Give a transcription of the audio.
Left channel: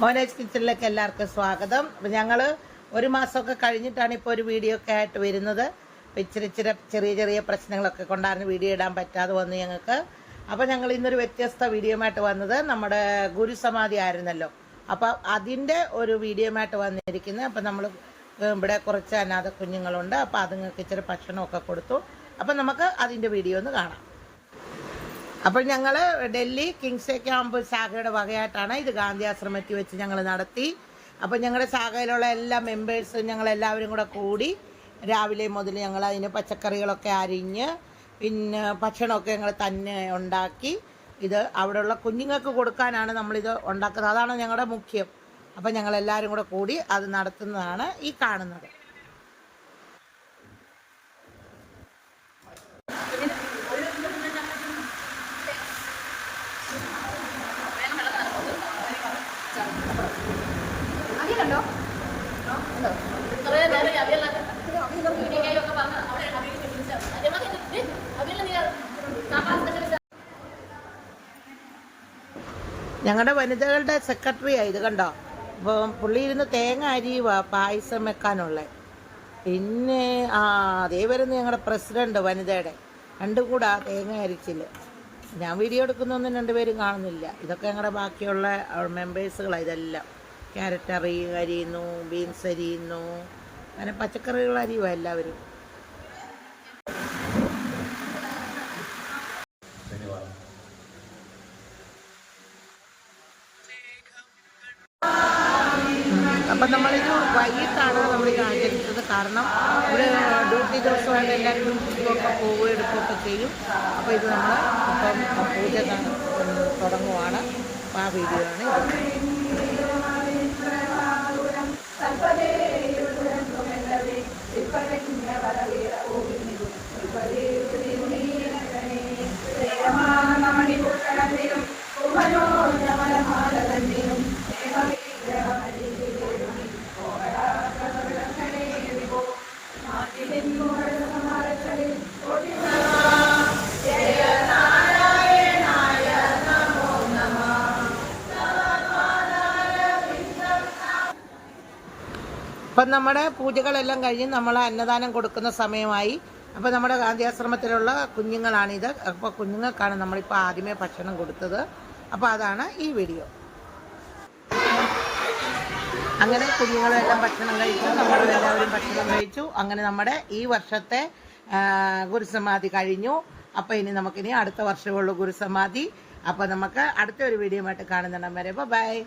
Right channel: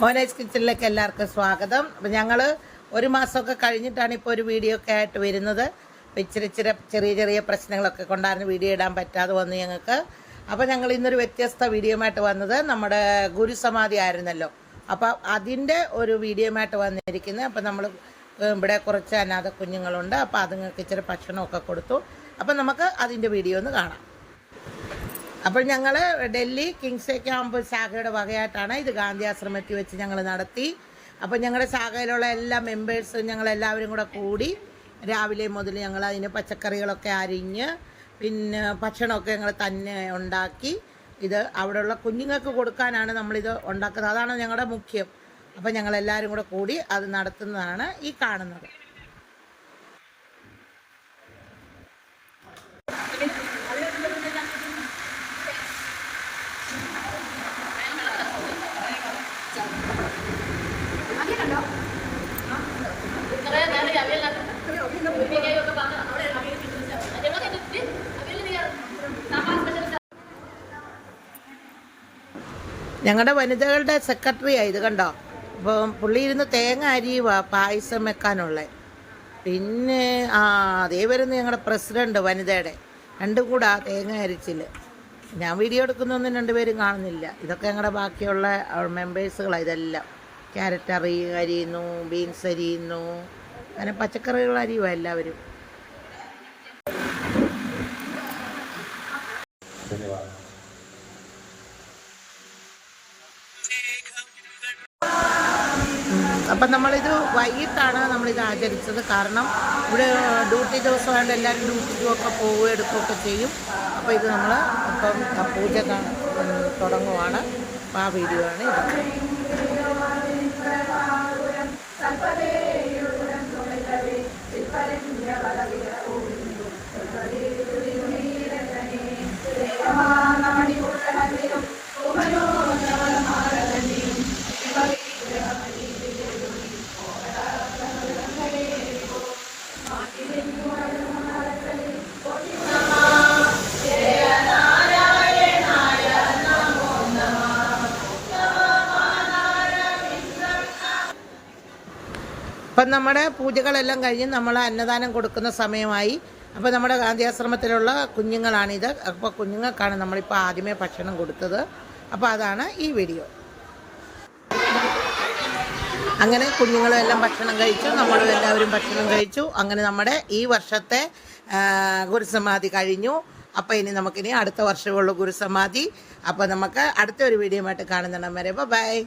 മോനേജ് കിച്ചണിലേക്ക് എല്ലാവർക്കും സ്വാഗതം. അപ്പം ഞങ്ങൾ ഒരു മാസമൊക്കെ കഴിഞ്ഞിട്ടാണ് ഇപ്പോൾ ഒരു വീഡിയോ ഒക്കെ ആയിട്ട് വരുന്നത്. ഇച്ചിരി ചെറിയ ചെറിയ പ്രശ്നങ്ങളൊക്കെ കൊണ്ടായിരുന്നു വീഡിയോ ഇടാൻ പറ്റാതെ വന്നു ഞങ്ങൾക്ക്. അപ്പോൾ ഞങ്ങൾ ഇന്നൊരു വ്യത്യസ്ത വീഡിയോയുമായിട്ട് വന്നത് നമ്മുടെ ഗുരുസമാധി ആയിരുന്നല്ലോ. അപ്പോൾ അതിൻ്റെ ഒരു വീഡിയോയുമായിട്ട് വന്നിരിക്കുന്നത്. അപ്പോൾ നമ്മൾ ഇവിടെ കുറച്ച് അനാഥ കുഞ്ഞുങ്ങളുണ്ട്. അപ്പോൾ അതുങ്ങൾക്ക് ഇച്ചിരി ഭക്ഷണമൊക്കെ കൊടുത്തു. അപ്പോൾ നമുക്ക് അതിൻ്റെ വീഡിയോ ഒന്ന് കാണാം. അപ്പോൾ ഞങ്ങൾ ഡൽഹി കിങ്സ് ക്യാമ്പ് ശാഖയുടെ വകയായിട്ടാണ് ഇത് ഗാന്ധി ആശ്രമത്തിൽ വെച്ച് ഞങ്ങൾ നടത്തി. അപ്പോൾ ഞങ്ങളുടെ ശാഖയിലുള്ള എല്ലാ മെമ്പേഴ്സും ഞങ്ങളെല്ലാവരും കൂടെ കൂടി രാവിലെ മുതൽ ഞങ്ങൾ അതിന് പച്ചക്കറികളൊക്കെ അരിഞ്ഞ് പിന്നെ ഭക്ഷണമൊക്കെ ഞങ്ങൾ തന്നെ ഉണ്ടാക്കി ഇത് അവിടെയുള്ള കുഞ്ഞുങ്ങൾക്ക് കൊടുക്കാനാണ് നമ്മളിത് ഉണ്ടാക്കുന്നത്. അതാണ് ഞങ്ങളുടെ മുഖ്യം. അപ്പോൾ ഞങ്ങളെല്ലാവരും കൂടെ കൂടി അത് നടത്തുന്നതാണ് ഈ കാണുന്നത്. ഞങ്ങളുടെ വനിതകളുടെ സെക്രട്ടറിയാണ് ഇത്, കണ്ടോ. അപ്പം പുള്ളി ഇരുന്ന് തേങ്ങ അരിയുക പായസം വെക്കാനുള്ള. പിന്നെ അതേ വരുന്ന ഞങ്ങളുടെ പ്രസിഡന്റ് വനിതയുടെ രണ്ടും കൂടെ തേങ്ങ അരിച്ചില്. ഞാൻ വീഡിയോ എടുക്കുന്നൊന്നും രണ്ടുപേരും കാണുന്നില്ല. ഇതൊക്കെ ഞങ്ങളുടെ ബാക്കിയുള്ള മെമ്പേഴ്സുകളാണ്. ഇതെല്ലാം ക്യാരറ്റ് അരിയുന്നു, ബീൻസ് അരിയുന്നു, അങ്ങനെ പച്ചക്കറികൾ അരിയുക എല്ലാവരും. അപ്പം നമ്മളിത് വൈകിട്ടാണ് നമ്മളിത് ആചരിച്ചത്. കാരണം ഇവിടെ ഡ്യൂട്ടി ദിവസമായിട്ട് എല്ലാവരും ഡ്യൂട്ടിക്കൊക്കെ പോവുകയും എടുക്കുകയൊക്കെ ചെയ്യും. അപ്പോൾ ഇത് നമ്മൾ ഇപ്പം പൂജ തുടങ്ങുവാണ്. അപ്പോൾ ആ വീഡിയോ ആണ് ഇത്. അപ്പം നമ്മുടെ പൂജകളെല്ലാം കഴിഞ്ഞ് നമ്മൾ അന്നദാനം കൊടുക്കുന്ന സമയമായി. അപ്പോൾ നമ്മുടെ ഗാന്ധി ആശ്രമത്തിലുള്ള കുഞ്ഞുങ്ങളാണിത്. അപ്പോൾ കുഞ്ഞുങ്ങൾക്കാണ് നമ്മളിപ്പോൾ ആദ്യമേ ഭക്ഷണം കൊടുത്തത്. അപ്പോൾ അതാണ് ഈ വീഡിയോ. അങ്ങനെ കുഞ്ഞുങ്ങളും എല്ലാം ഭക്ഷണം കഴിച്ചു, നമ്മളും എല്ലാവരും ഭക്ഷണം കഴിച്ചു. അങ്ങനെ നമ്മുടെ ഈ വർഷത്തെ ഗുരുസമാധി കഴിഞ്ഞു. അപ്പോൾ ഇനി നമുക്കിനി അടുത്ത വർഷമുള്ള ഗുരുസമാധി. അപ്പോൾ നമുക്ക് അടുത്ത ഒരു വീഡിയോ ആയിട്ട് കാണുന്നുണ്ടെങ്കിൽ ബൈ.